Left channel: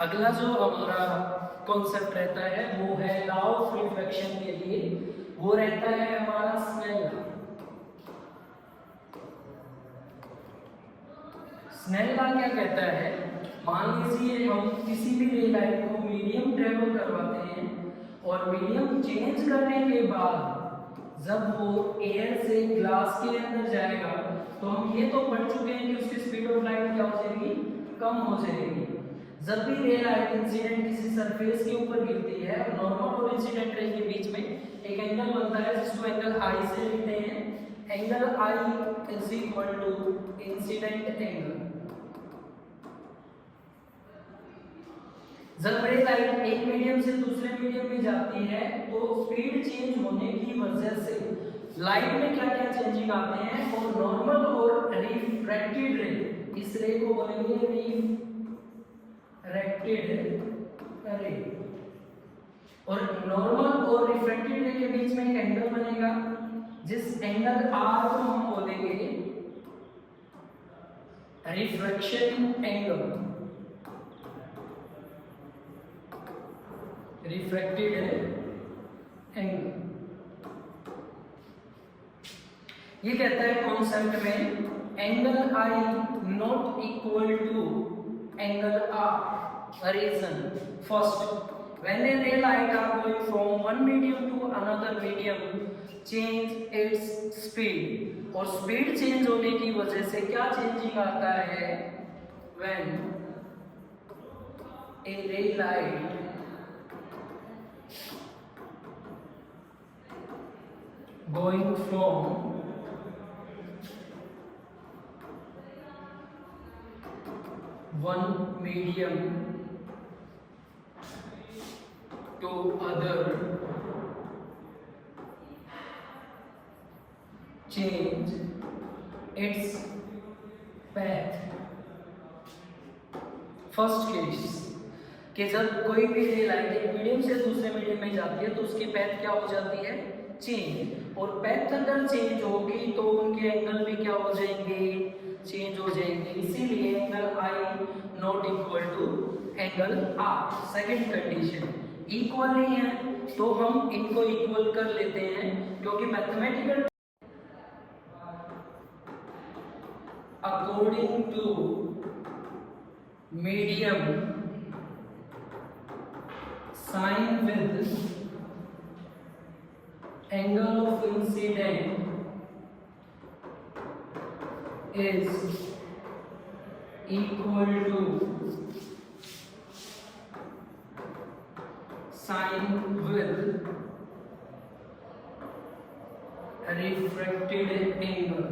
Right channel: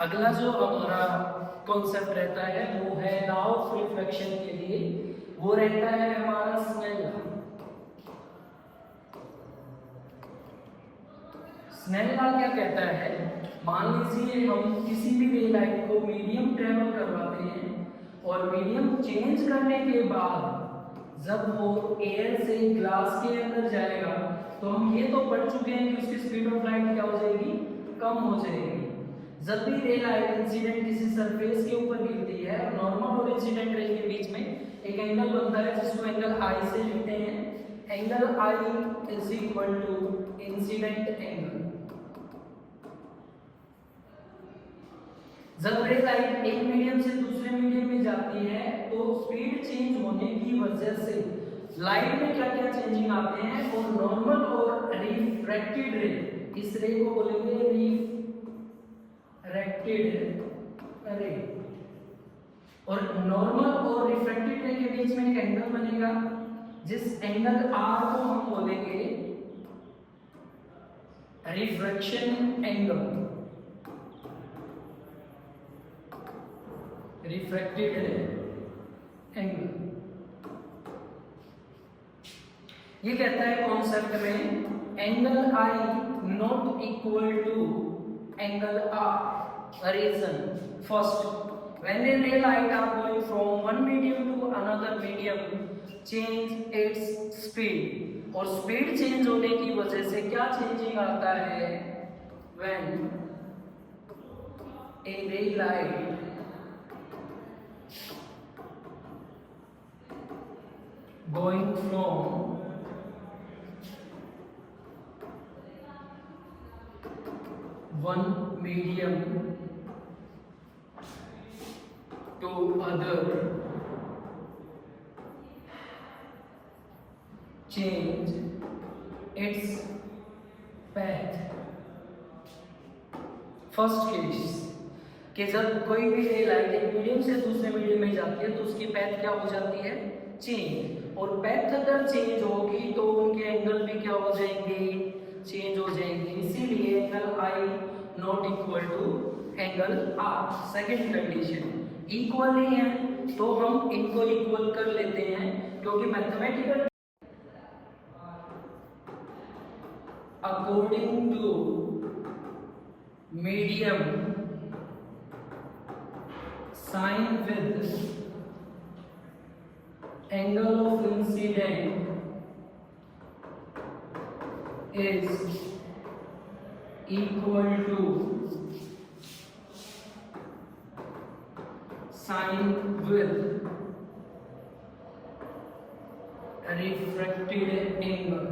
अगला जो हमारा कॉन्सेप्ट रहता है वो है लॉ ऑफ रिफ्लेक्शन के लिए, वो रहता है हमारा स्नेल लॉ। स्नेल लॉ क्या कहता है, मान लीजिए हम किसी भी रे लाइट को मीडियम ट्रेवल करवाते हैं और मीडियम चेंज करने के बाद जब वो एयर से ग्लास के अंदर जाएगा तो हम ये तो पढ़ चुके हैं कि उसकी स्पीड ऑफ लाइट क्या हो जाएगी, कम हो जाएगी। जब भी रे लाइट इंसिडेंट किसी सरफेस के ऊपर गिरती है, नॉर्मल और इंसिडेंट रे के बीच में एक एंगल बनता है जिसको एंगल आई से लिखते हैं। Angle I is equal to incident angle. जब रे लाइट एक मीडियम से दूसरे मीडियम में जाती है तो स्पीड चेंज होने की वजह से लाइट में क्या क्या चेंजिंग आते हैं, वो नॉर्मल और रिफ्रैक्टेड रे, इस रे को बोलेंगे रिफ्रैक्टेड रे। और नॉर्मल और रिफ्रैक्टेड रे के बीच में एक एंगल बनेगा, जिस एंगल आर को हम बोलेंगे रिफ्रैक्शन एंगल, रिफ्रैक्टेड एंगल। ये कहता है कॉन्सेप्ट में angle I not equal to angle R. Reason first, when a ray light are going from one medium to another medium change its speed, और speed change होने की वजह से क्या चेंजिंग आता है, when a ray light going from one medium to other change its path। First case कि जब कोई भी रे लाइट एक मीडियम से दूसरे मीडियम में जाती है तो उसकी पैथ क्या हो जाती है, चेंज। और पैथ अगर चेंज होगी तो उनके एंगल भी क्या हो जाएंगे, चेंज हो जाएंगे। इसीलिए angle I not equal to angle R. Second condition, equal नहीं है तो हम इनको इक्वल कर लेते हैं, क्योंकि mathematical according to medium sine with angle of incident is equal to sine with refracted angle।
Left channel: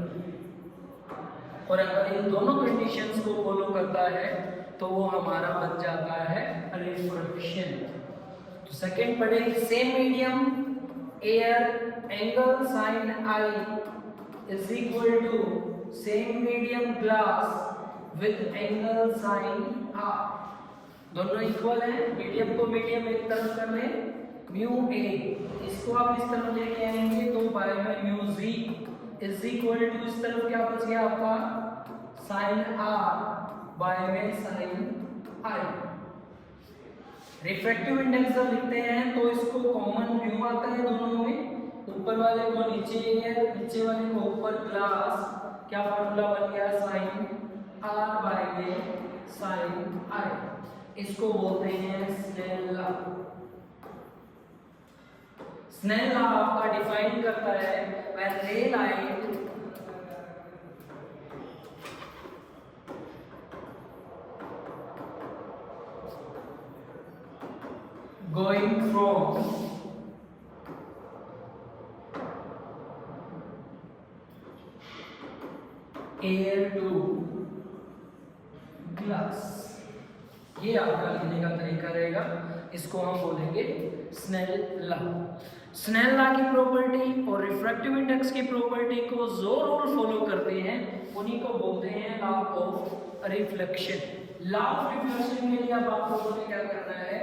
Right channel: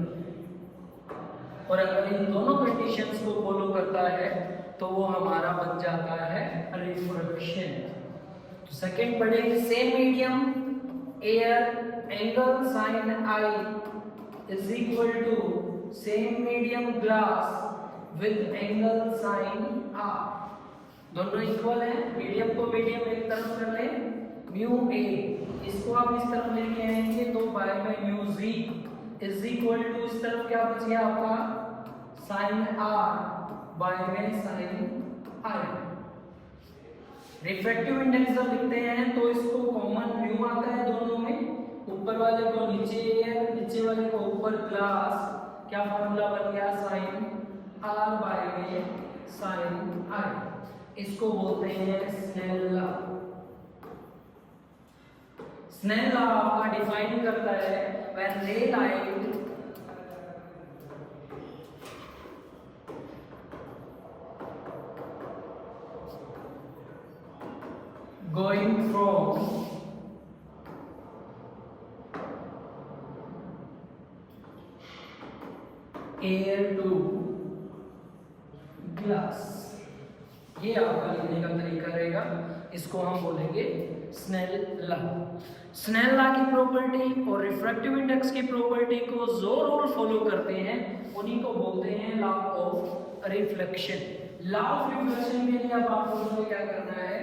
और अगर इन दोनों कंडीशंस को फॉलो करता है तो वो हमारा बन जाता है रिफ्रैक्शन। तो सेकेंड पढ़े, same medium air angle sine I is equal to same medium glass with angle sine R. दोनों इक्वल है, मीडियम को मीडियम एक तरफ कर ले, म्यू ए इसको आप इस तरफ लेके आएंगे तो बाय में mu G is equal to इस तरफ क्या बच गया आपका, साइन आर बाय में साइन आई। रिफ्रैक्टिव इंडेक्स जब लिखते हैं तो इसको कॉमन म्यू आता है दोनों में, ऊपर वाले को नीचे एयर, नीचे वाले को ऊपर ग्लास, क्या फॉर्मूला बन गया, साइन आर बाय में साइन आई। इसको बोलते हैं स्नेल लॉ। स्नेल लॉ आपका डिफाइन करता है व्हेन रे light going from air to glass, ये आपका लिखने का तरीका रहेगा, इसको हम बोलेंगे स्नेल लॉ। स्नेल लॉ की प्रॉपर्टी और रिफ्रैक्टिव इंडेक्स की प्रॉपर्टी को जो रूल फॉलो करते हैं उन्हीं को बोलते हैं law of reflection. Law of reflection के लिए अब आप लोगों ने क्या करना है,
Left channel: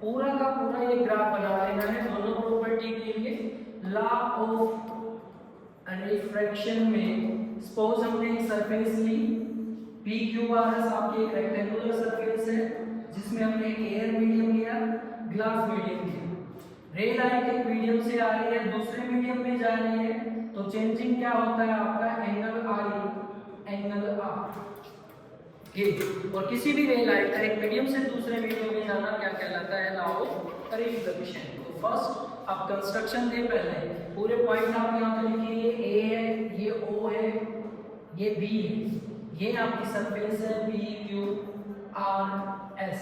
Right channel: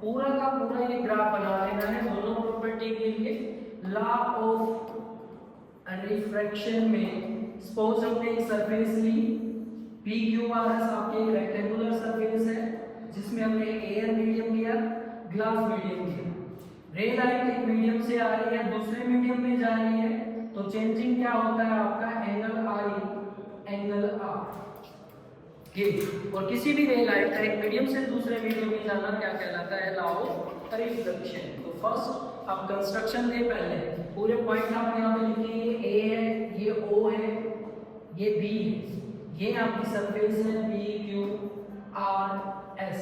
पूरा का पूरा ये ग्राफ बना लेना है दोनों प्रॉपर्टी के लिए। लॉ ऑफ रिफ्रैक्शन में सपोज हमने एक सरफेस ली, पी क्यू आर एस आपकी एक रेक्टेंगुलर सरफेस है, जिसमें हमने एयर मीडियम लिया, ग्लास मीडियम लिया। रे लाइट एक मीडियम से आ रही है दूसरे मीडियम में जा रही है, तो चेंजिंग क्या होता है आपका एंगल आई, एंगल आर। ठीक, और किसी भी रे लाइट का एक मीडियम से दूसरे मीडियम में जाना क्या कहलाता है, लॉ ऑफ रिफ्लेक्शन। तो फर्स्ट आप कंस्ट्रक्शन दे, पहले पूरे पॉइंट आप यहाँ पे लिखिए, ये ए है, ये ओ है, ये बी है, ये आपकी सरफेस है पी क्यू आर एस,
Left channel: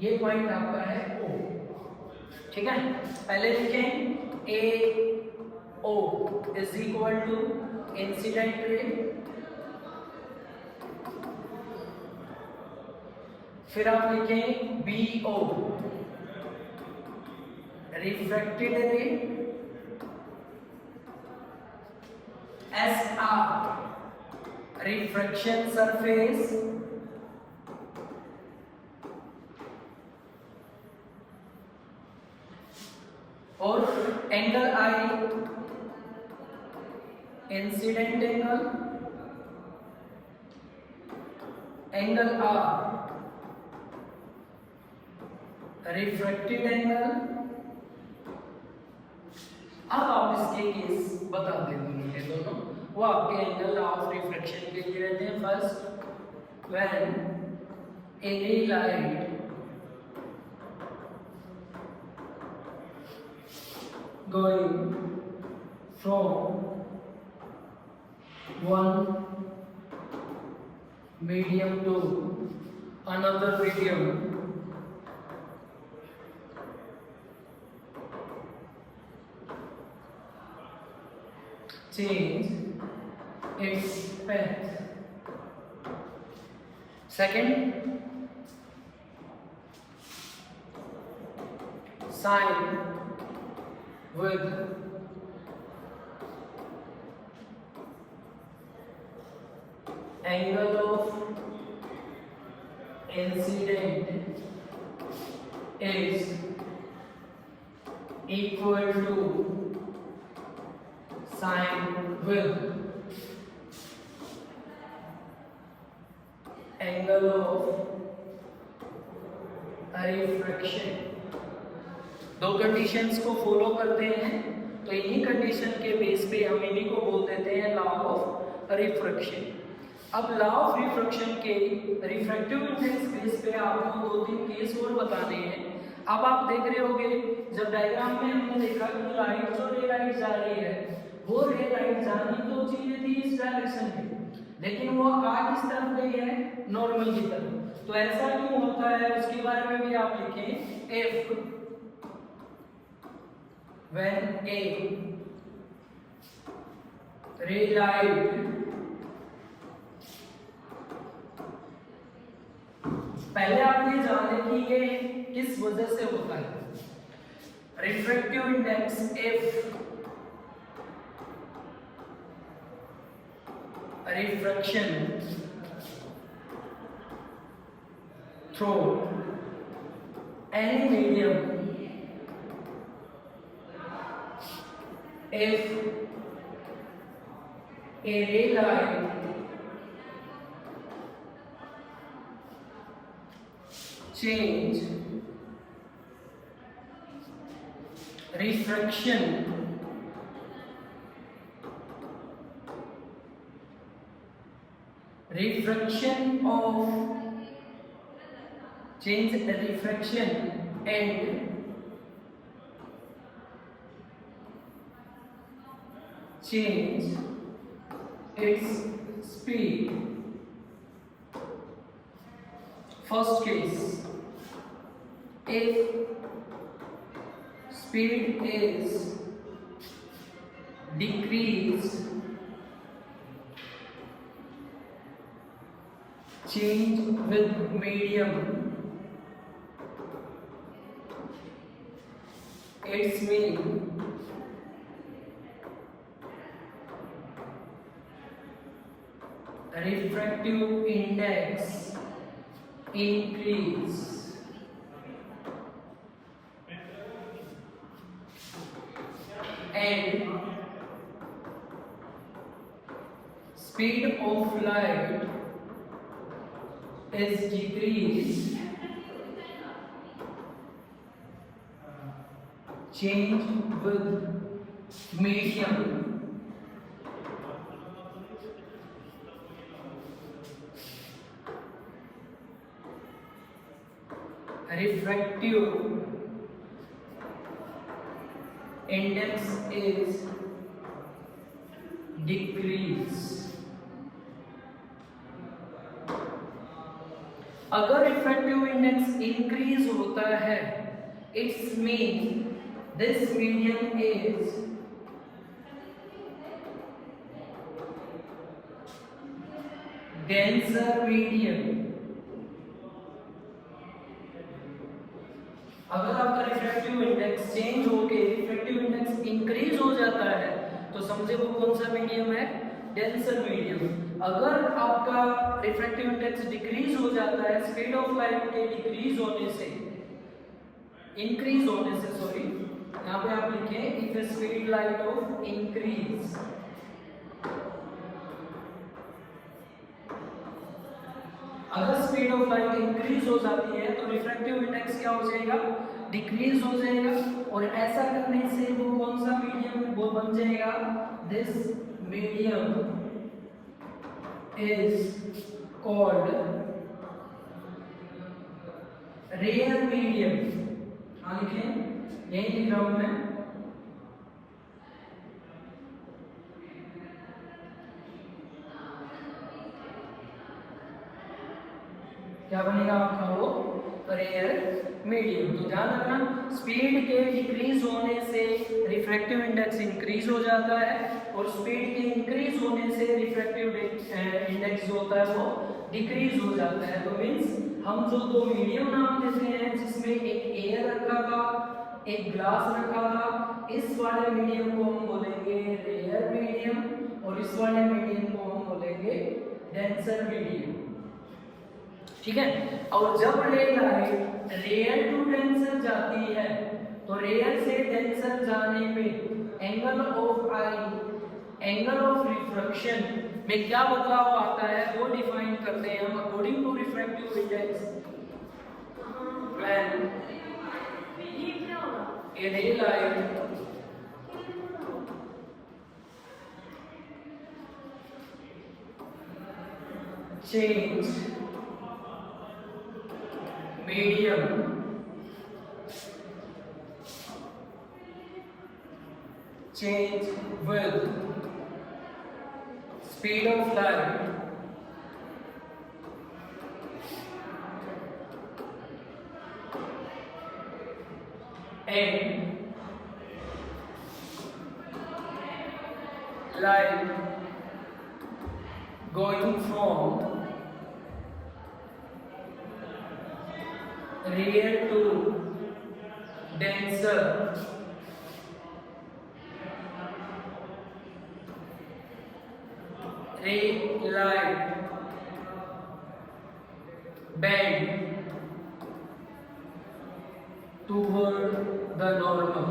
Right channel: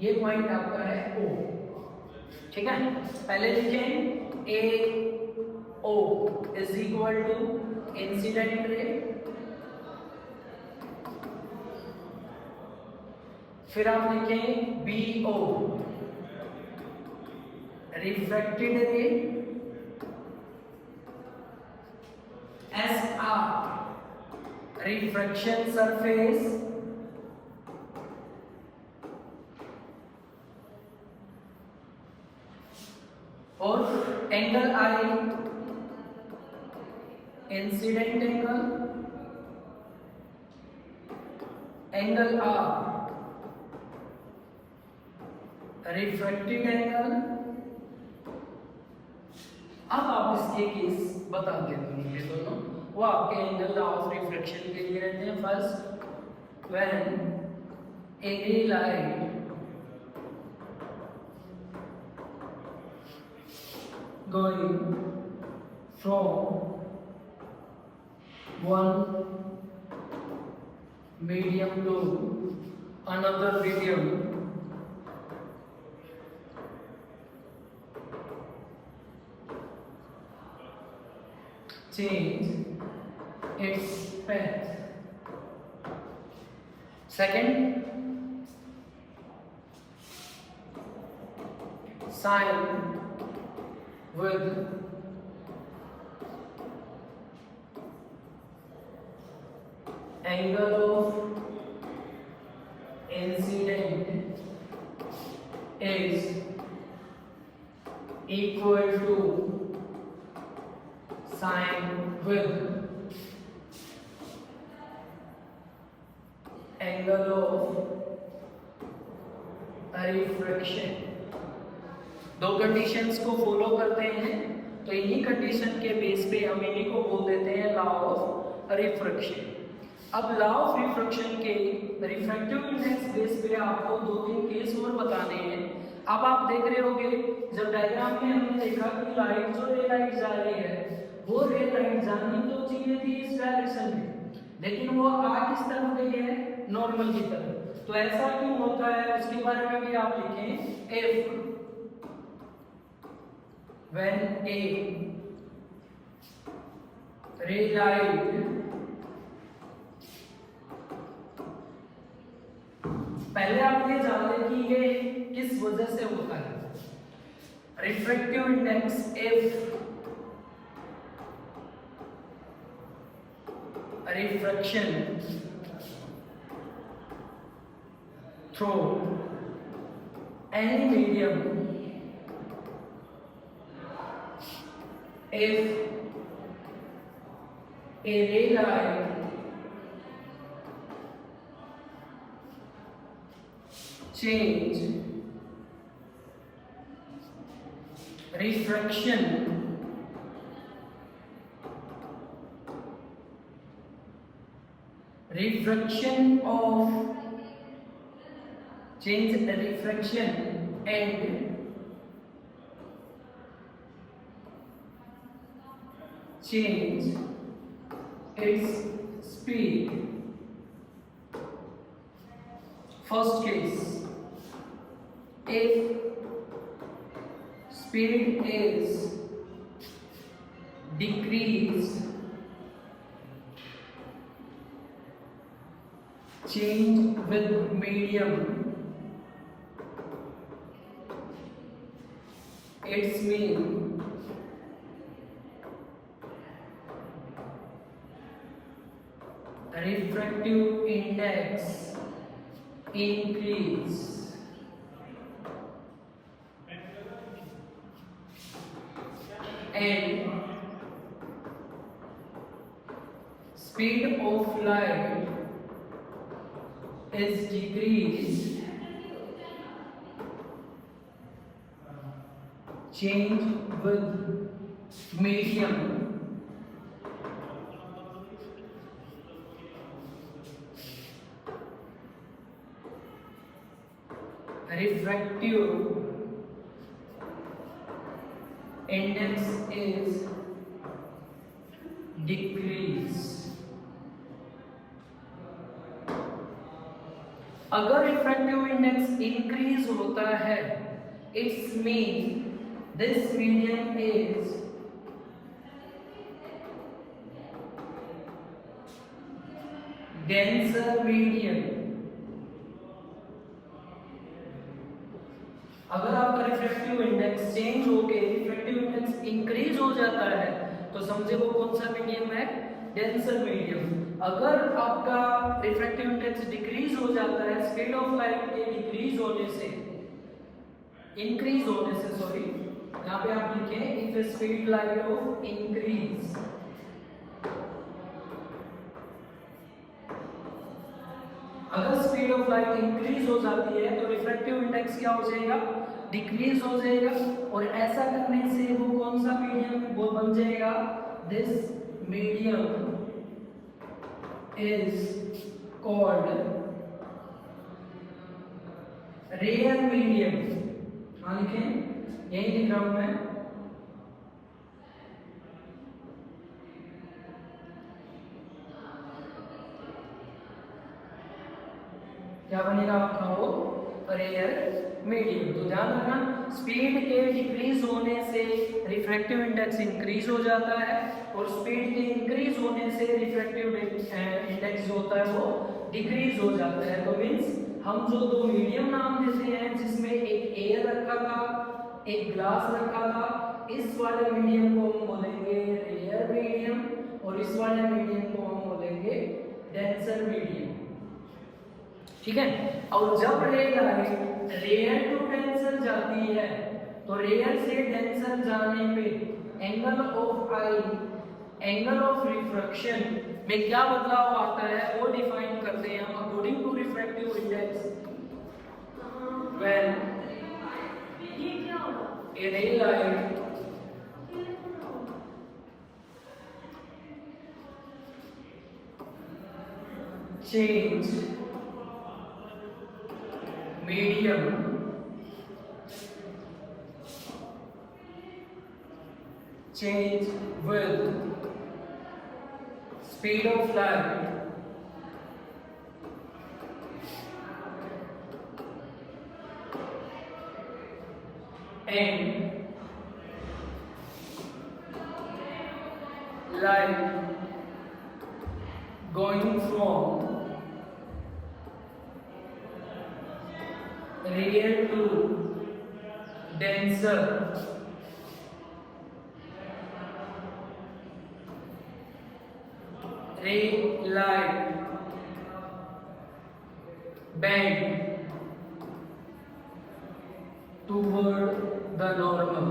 ये पॉइंट आपका है ओ। ठीक है, पहले लिखें A O is equal to incident ray, फिर आप लिखें B O refracted ray, S R refraction surface, और angle I incident angle, angle R refracted angle. अब आप इसके केस बता देंगे दोनों, वो आपके एंगल ऑफ रिफ्लेक्शन के लिए रहते हैं। First, when a ray light going from one medium to another medium, change its path. Second, sign with angle of incident is equal to sine with angle of refraction. दो conditions को follow करते हैं, तो इन्हीं condition के base पे हम इन्हीं को बोल देते हैं लॉ ऑफ रिफ्रैक्शन। अब लॉ ऑफ रिफ्रैक्शन के रिफ्रैक्टिव इंडेक्स बेस पे आपको दो तीन केस और बताने हैं। अब आप देख रहे होंगे, जब डायग्राम में हमने देखा कि लाइट जो रे लाइट जा रही है, वो रे लाइट जानी तो चाहिए थी इस डायरेक्शन में, लेकिन वो आ किस तरफ गई है, नॉर्मल की तरफ। तो ऐसा क्यों होता है, उसके बारे में भी आप लिखें, F when a ray light पहले आप ये जान लें कि ये किस वजह से होता है। Refractive index F, refraction through any medium if a ray light change refraction of change the refraction and change its speed. First case, if speed is decreased, change with medium, its mean refractive index increase, and speed of light is decreased, change with medium. Refractive index is decrease. अगर refractive index increase होता है, it's mean this medium is denser medium. अगर आपका refractive index change होके refractive index increase हो जाता है तो समझे वो कौन सा मीडियम है, डेंसर मीडियम. अगर आपका रिफ्रैक्टिव इंडेक्स डिक्रीज हो जाता है स्पीड ऑफ लाइट के इंक्रीज होने से सॉरी, यहाँ पे आप लिखें if speed light of increase, अगर स्पीड ऑफ लाइट इंक्रीज हो जाती है तो रिफ्रैक्टिव इंडेक्स क्या हो जाएगा, डिक्रीज हो जाएगा. और ऐसा करने से वो कौन सा मीडियम वो बन जाएगा, this medium is called rare medium. हाँ लिखें, यही लिख रहा हूं मैं. क्या बनेगा आपका वो, रेयर मीडियम. तो ध्यान रखना, स्पीड के डिक्रीज होने से रिफ्रैक्टिव इंडेक्स इंक्रीज हो जाता है और स्पीड के इंक्रीज होने से रिफ्रैक्टिव इंडेक्स जो होता है वो डिक्रीज हो जाता है. तो मीन्स हम जो दो मीडियम नाम देते हैं जिसमें एक एयर रखा था एक ग्लास रखा था, इस वाले मीडियम को हम बोलेंगे रेयर मीडियम और इस वाले मीडियम को हम बोलेंगे डेंसर मीडियम. ठीक है. और जब ray light rare to denser जाती है तो रेयर से डेंसर जाने पे एंगल ऑफ रिफ्रैक्शन में क्या बदलाव आता है वो डिफाइन करते हैं हम according to refractive index. When a ray light change medium change with speed of light and light going from real to denser ray light bend toward the normal.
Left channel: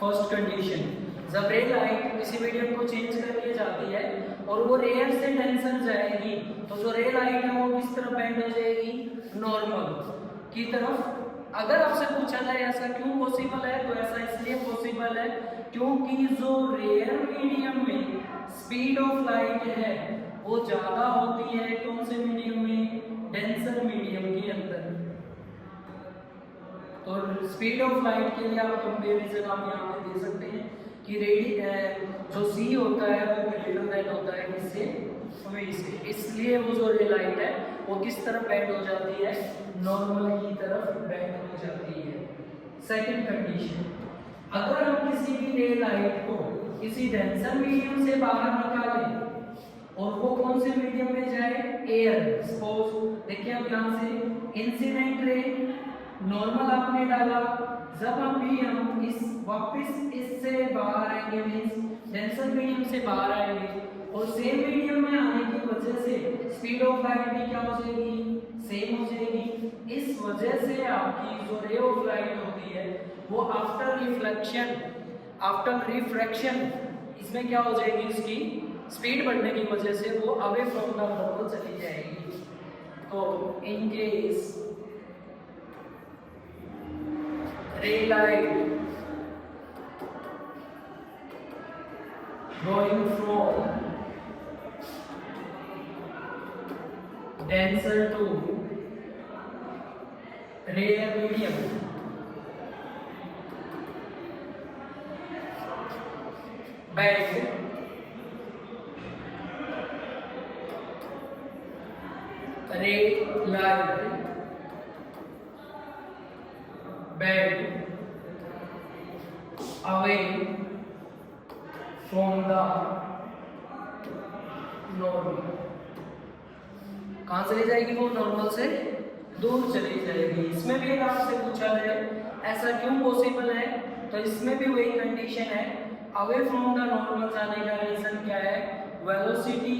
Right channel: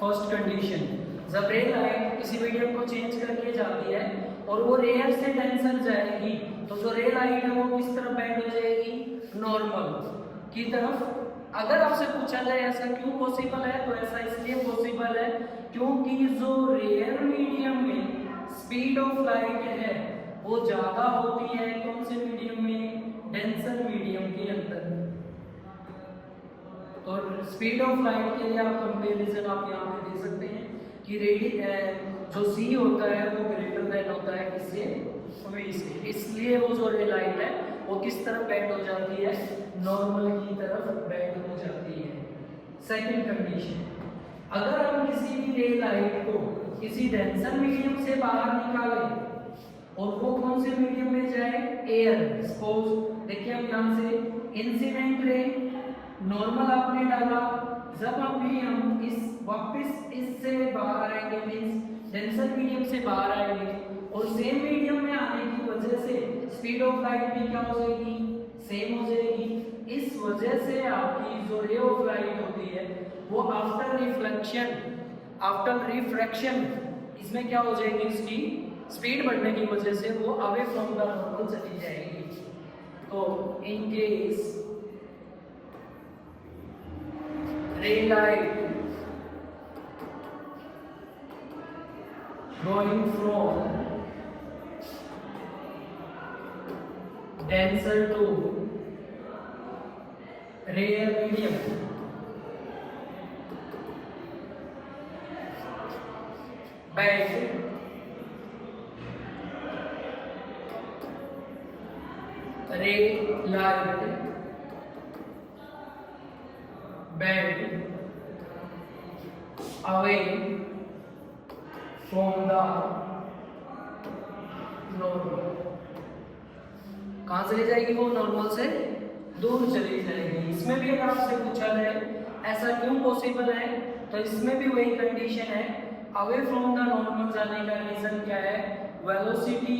First condition, जब ray light किसी medium को change करके जाती है और वो rare से denser जाएगी तो जो रे लाइट है वो किस तरफ बेंड हो जाएगी, नॉर्मल की तरफ. अगर आपसे पूछा जाए ऐसा क्यों पॉसिबल है तो ऐसा इसलिए पॉसिबल है क्योंकि जो रेयर मीडियम में स्पीड ऑफ लाइट है वो ज्यादा होती है कौन से मीडियम में, डेंसर मीडियम के अंदर. तो स्पीड ऑफ लाइट के लिए आप कंपैरिजन आप यहाँ पे दे सकते हैं कि जो सी होता है वो ग्रेटर देन होता है किससे, वी से. इसलिए वो जो रे लाइट है वो किस तरफ बेंड हो जाती है, नॉर्मल की तरफ बेंड हो जाती है. सेकंड कंडीशन, अगर हम किसी भी रे लाइट को किसी डेंसर मीडियम से बाहर निकालें और वो कौन से मीडियम में जाए, एयर. सपोज देखिए अब यहाँ से इंसिडेंट रे नॉर्मल आपने डाला, जब अभी हम इस वापस इससे बाहर आएंगे मीन्स डेंसर मीडियम से बाहर आएंगे और सेम मीडियम में आने की वजह से स्पीड ऑफ लाइट भी क्या हो जाएगी, सेम हो जाएगी. इस वजह से आपकी जो रे ऑफ लाइट होती है वो आफ्टर रिफ्रैक्शन इसमें क्या हो जाएगी, इसकी स्पीड बढ़ने की वजह से वो अवे फ्रॉम द नॉर्मल चली जाएगी. तो in case ray light going from denser to rare medium, bend ray light bend away from the normal. कहाँ चली जाएगी वो? नॉर्मल से दूर चली जाएगी। इसमें भी अगर आपसे पूछा जाए ऐसा क्यों पॉसिबल है, तो इसमें भी वही कंडीशन है, अवे फ्रॉम द नॉर्मल जाने का रीजन क्या है? Velocity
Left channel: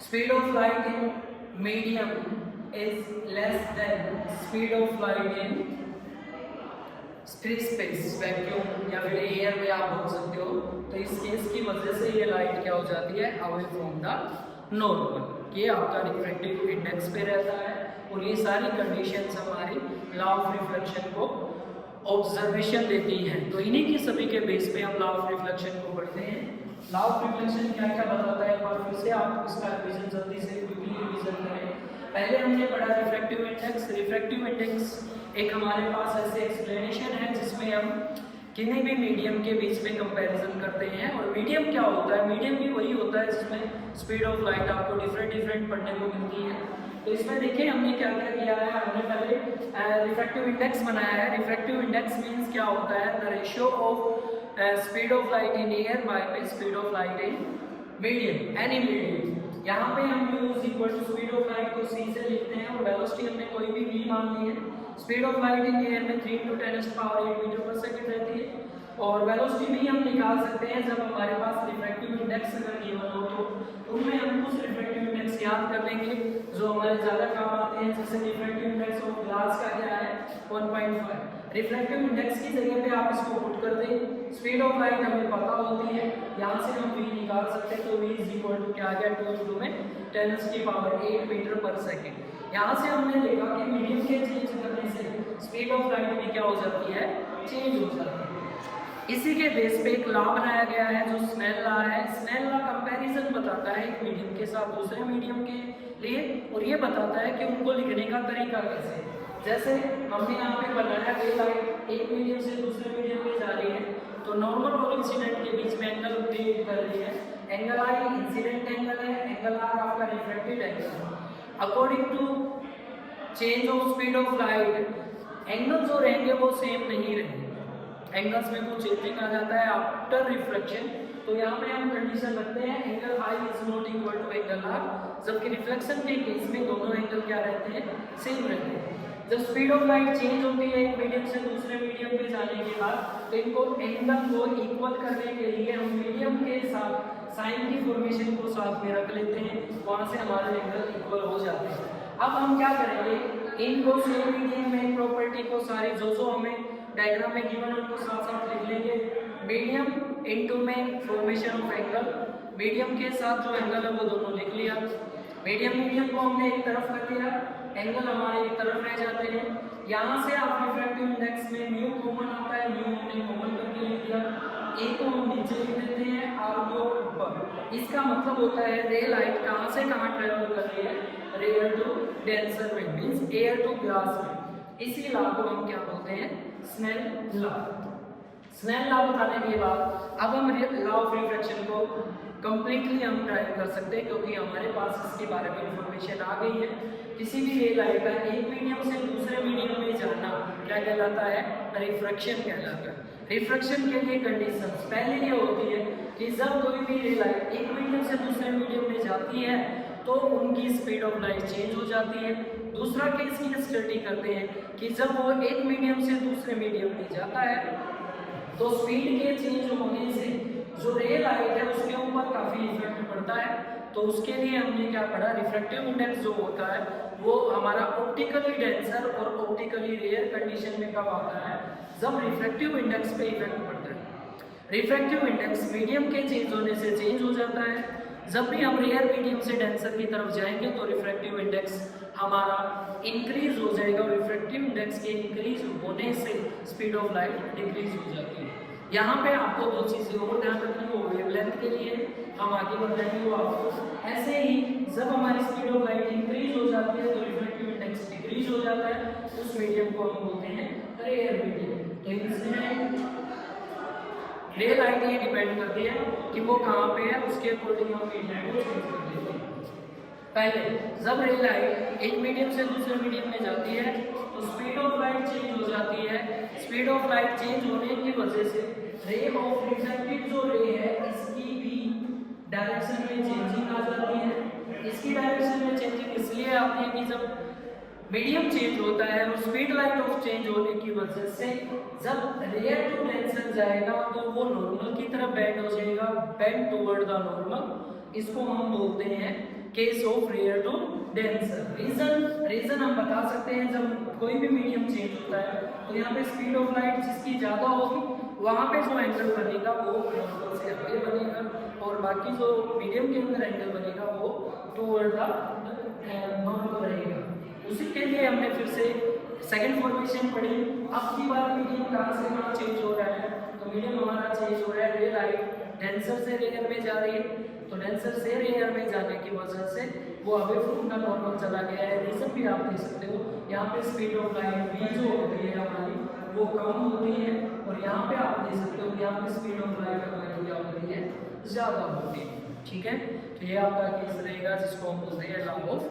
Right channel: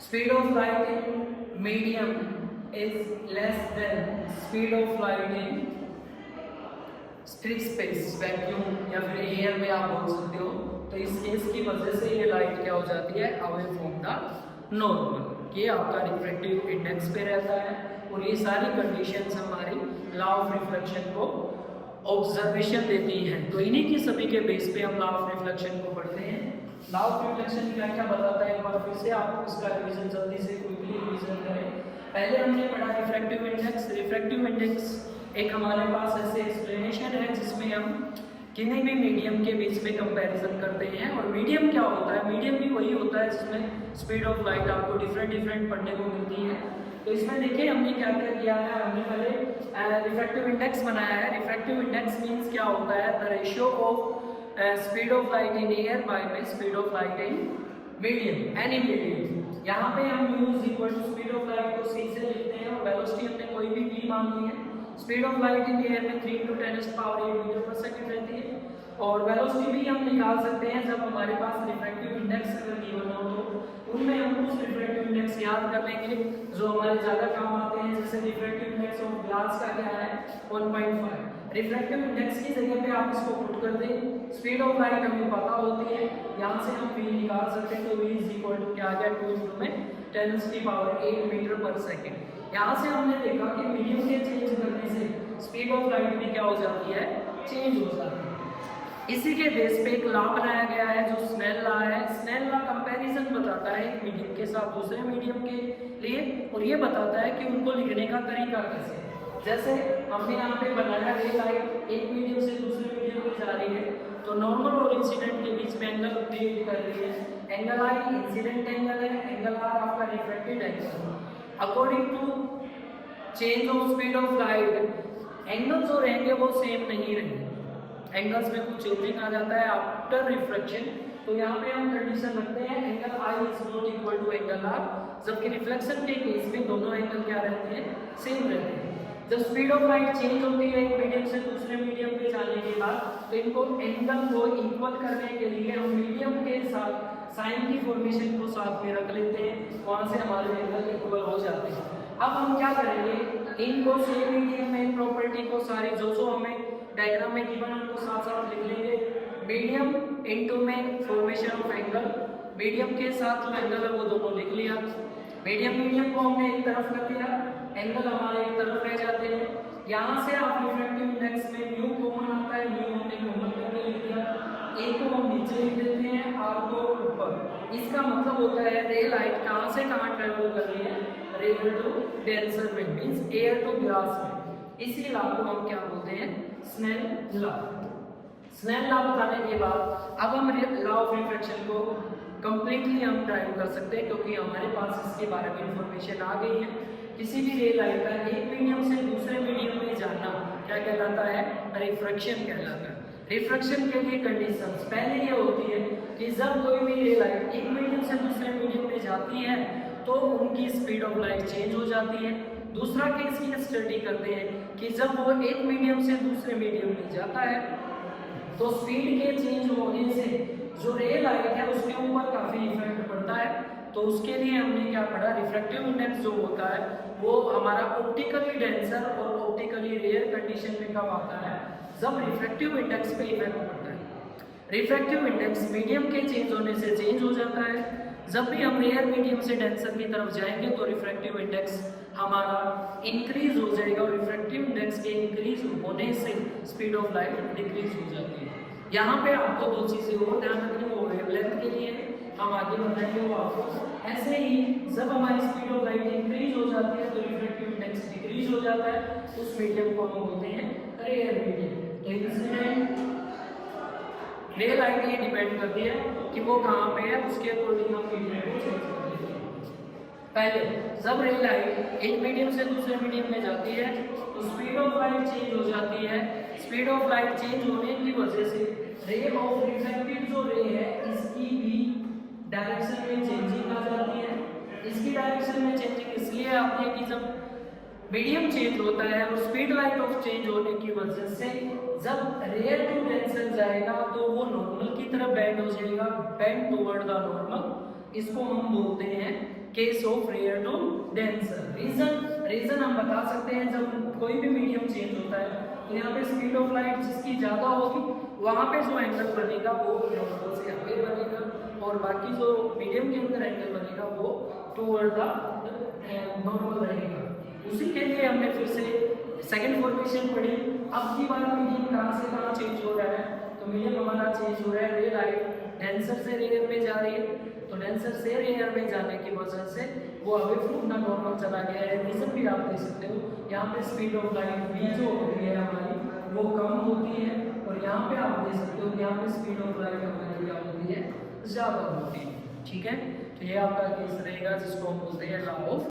speed of light in medium is less than speed of light in free space, vacuum या फिर एयर में आप बोल सकते हो। तो इस केस की वजह से ये लाइट क्या हो जाती है? Away from the normal. ये आपका रिफ्रैक्टिव इंडेक्स पे रहता है और ये सारी कंडीशंस हमारी लॉ ऑफ रिफ्लेक्शन को ऑब्जर्वेशन देती हैं। तो इन्हीं की सभी के बेस पे हम लॉ ऑफ रिफ्लेक्शन को पढ़ते हैं। लॉ ऑफ रिफ्लेक्शन क्या क्या बताता है, एक बार फिर से आप इसका रिवीजन जल्दी से क्विकली रिवीजन करें। पहले हमने पढ़ा रिफ्रैक्टिव इंडेक्स। रिफ्रैक्टिव इंडेक्स एक हमारे पास ऐसे एक्सप्लेनेशन है जिसमें हम किसी भी मीडियम के बीच में कंपैरिजन करते हैं। और मीडियम क्या होता है? मीडियम भी वही होता है जिसमें स्पीड ऑफ लाइट आपको डिफरेंट पढ़ने को मिलती है। तो इसमें देखिए हमने क्या क्या किया है, हमने पहले रिफ्रैक्टिव इंडेक्स बनाया है। रिफ्रैक्टिव इंडेक्स मीन्स क्या होता है? The ratio of speed of light in air by speed of light in medium, any medium. यहाँ पे हम u is equal to speed of light को c से लिखते हैं और वेलोसिटी हमने कोई भी v मान ली है। Speed of light in air में 3 × 10⁸ मीटर पर सेकंड रहती है। और वेलोसिटी भी हम निकाल सकते हैं जब हमारे पास रिफ्रैक्टिव इंडेक्स अगर गिवन हो, तो उनमें हम उस रिफ्रैक्टिव इंडेक्स याद कर लेंगे जो हमारे ज़्यादा काम आते हैं। जैसे रिफ्रैक्टिव इंडेक्स ऑफ ग्लास का क्या है? 1.5। रिफ्रैक्टिव इंडेक्स की जगह पे आप इसको पुट कर दें। स्पीड ऑफ लाइट हमें पता होती है, यहाँ से हम v निकाल सकते हैं। तो v इज इक्वल टू क्या आ गया? 2 × में 10⁸ मीटर पर सेकेंड। यहाँ से हमने देखा कि मीडियम के चेंज करने से स्पीड ऑफ लाइट भी क्या हो जाती है? चेंज हो जाती है। इसी के बेस पे एक लॉ बनाया गया है जो स्नेल लॉ है। स्नेल लॉ कंपैरिजन बताता है एक मीडियम के साथ दूसरे मीडियम के लिए, और ये बताता है कि उनको लिखने का तरीका कैसे। जैसे हमने यहाँ पे बनाया रे लाइट एक मीडियम से दूसरे मीडियम में जा रही है, तो नॉर्मल और इंसिडेंट के बीच में एंगल क्रिएट कर रही है। एंगल आई इंसिडेंट एंगल है, एंगल आर आपका reflected angle. According to change of speed of light angle जो रहेंगे वो सेम नहीं रहेंगे, एंगल्स में कुछ चेंजिंग आ जाता है आफ्टर रिफ्लेक्शन। तो यहाँ पे हम कंडीशन रखते हैं angle I is not equal to angle R, जबकि रिफ्लेक्शन के केस में दोनों एंगल क्या रहते हैं? सेम रहते हैं। जब स्पीड ऑफ लाइट चेंज होती है एक मीडियम से दूसरे मीडियम पे जाने के बाद, तो इनको एंगल को इक्वल करने के लिए हम मीडियम के साथ साइन की फॉर्मेशन को साथ में रख लेते हैं, वहाँ से हमारे एंगल इक्वल हो जाते हैं। अब हम क्या करेंगे? इनको सेम मीडियम में प्रॉपर्टी को सारी जो हमें डायग्राम में गिवन है उनको साथ साथ लिख लेंगे। मीडियम इनटू में फॉर्मेशन ऑफ एंगल, मीडियम के साथ जो एंगल है वो दोनों लिख लिया। मीडियम को हमने एक तरफ कर दिया, एंगल हमारे एक तरफ रह जाते हैं। यहाँ से आप रिफ्रैक्टिव इंडेक्स में म्यू कॉमन आता है, म्यू हमने कॉमन करके लिख दिया। ए को हम नीचे लिख देते हैं, आर को ऊपर। इसका मतलब होता है रे लाइट कहाँ से कहाँ ट्रेवल कर रही है? रेयर टू डेंसर में, मींस एयर टू ग्लास में। इसी लॉ को हम क्या बोलते हैं? Snell law. स्नेल लॉ बताने के बाद अब हम लॉ ऑफ रिफ्रैक्शन को कंप्लीटली हम ड्राइव कर सकते हैं, क्योंकि हमारे पास इसके बारे में इंफॉर्मेशन आ गई है। किसी भी रे लाइट का एक मीडियम से दूसरे मीडियम में जाना क्या कहलाता है? रिफ्रैक्शन कहलाता है। रिफ्रैक्शन के लिए कंडीशंस पहले ये होती है कि जब कोई भी रे लाइट एक मीडियम से दूसरे मीडियम में जाती है तो उनकी स्पीड ऑफ लाइट चेंज हो जाती है। दूसरा केस की स्टडी करते हैं कि जब वो एक मीडियम से दूसरे मीडियम में जाता है तो स्पीड के चेंज होने से जो रे लाइट है उसके ऊपर काफी इफेक्ट पड़ता है। तो उसके लिए हमने क्या पढ़ा? रिफ्रैक्टिव इंडेक्स जो होता है वो हमारा ऑप्टिकली डेंसर और ऑप्टिकली रेयर कंडीशन में कब आता है? जब रिफ्रैक्टिव इंडेक्स पे इफेक्ट पड़ता है। रिफ्रैक्टिव इंडेक्स मीडियम के चेंज होने से चेंज हो जाता है। जब भी हम रेयर मीडियम से डेंसर की तरफ जाएंगे तो रिफ्रैक्टिव इंडेक्स हमारा इंक्रीज हो जाएगा और रिफ्रैक्टिव इंडेक्स के इंक्रीज होने से स्पीड ऑफ लाइट डिक्रीज हो जाती है। यहाँ पे आपको दो चीजें और ध्यान रखनी, वो वेवलेंथ के लिए हम आगे बताएंगे वो आपको। ऐसे ही जब हमारी स्पीड ऑफ लाइट इंक्रीज हो जाती है तो रिफ्रैक्टिव इंडेक्स डिक्रीज हो जाता है, उस मीडियम को हम बोलते हैं रेयर मीडियम। तो इंसिडेंट रे लाइट ये डिपेंड करती है कि वो कहाँ पे है, उसके अकॉर्डिंग हम मीडियम को चेंज कर देते हैं। पहले जब रे लाइट एक मीडियम से दूसरे मीडियम में जाती है तो स्पीड ऑफ लाइट चेंज हो जाती है। स्पीड ऑफ लाइट चेंज होने की वजह से रे ऑफ रिफ्रैक्टेड जो रे है इसकी भी डायरेक्शन में चेंजिंग आ जाती है। इसकी डायरेक्शन में चेंजिंग इसलिए आती है कि जब मीडियम चेंज होता है और स्पीड लाइट ऑफ चेंज होने की वजह से जब रेयर टू डेंसर जाएगा तो वो नॉर्मल की तरफ बेंड हो जाएगा, बेंड टुवर्ड द नॉर्मल। इसको हम बोलते हैं case of rare to denser. Reason हम बता सकते हैं, जब कोई भी मीडियम चेंज होता है तो यहाँ पे स्पीड ऑफ लाइट जिसकी ज्यादा होगी वहाँ पे जो एंगल बनेगा वो नॉर्मल से आगे बनेगा और बाकी जो मीडियम के अंदर एंगल बनेगा वो टुवर्ड द नॉर्मल रहेगा। उसी के लिए हमने फिर से सेकंड फॉर्मेशन पढ़ी। अब की बार मीडियम कहाँ से कहाँ चेंज हो रहा है, तो मीडियम हमारा चेंज हो रहा है रे लाइट डेंसर से रेयर में जा रही है, तो डेंसर से रेयर में जाने की वजह से वो अवे फ्रॉम द नॉर्मल चला गया है। रीजन भी आप देख सकते हो, यहाँ पे स्पीड ऑफ लाइट भी जो होती है हमारी वो कम होती है और यहाँ पे आप देख सकते हो कि यहाँ पे स्पीड ऑफ लाइट हमारी क्या होती है, ज्यादा होती है। ठीक है, तो ये आपका केस रहेगा जिसको हम बोलते हैं लॉ ऑफ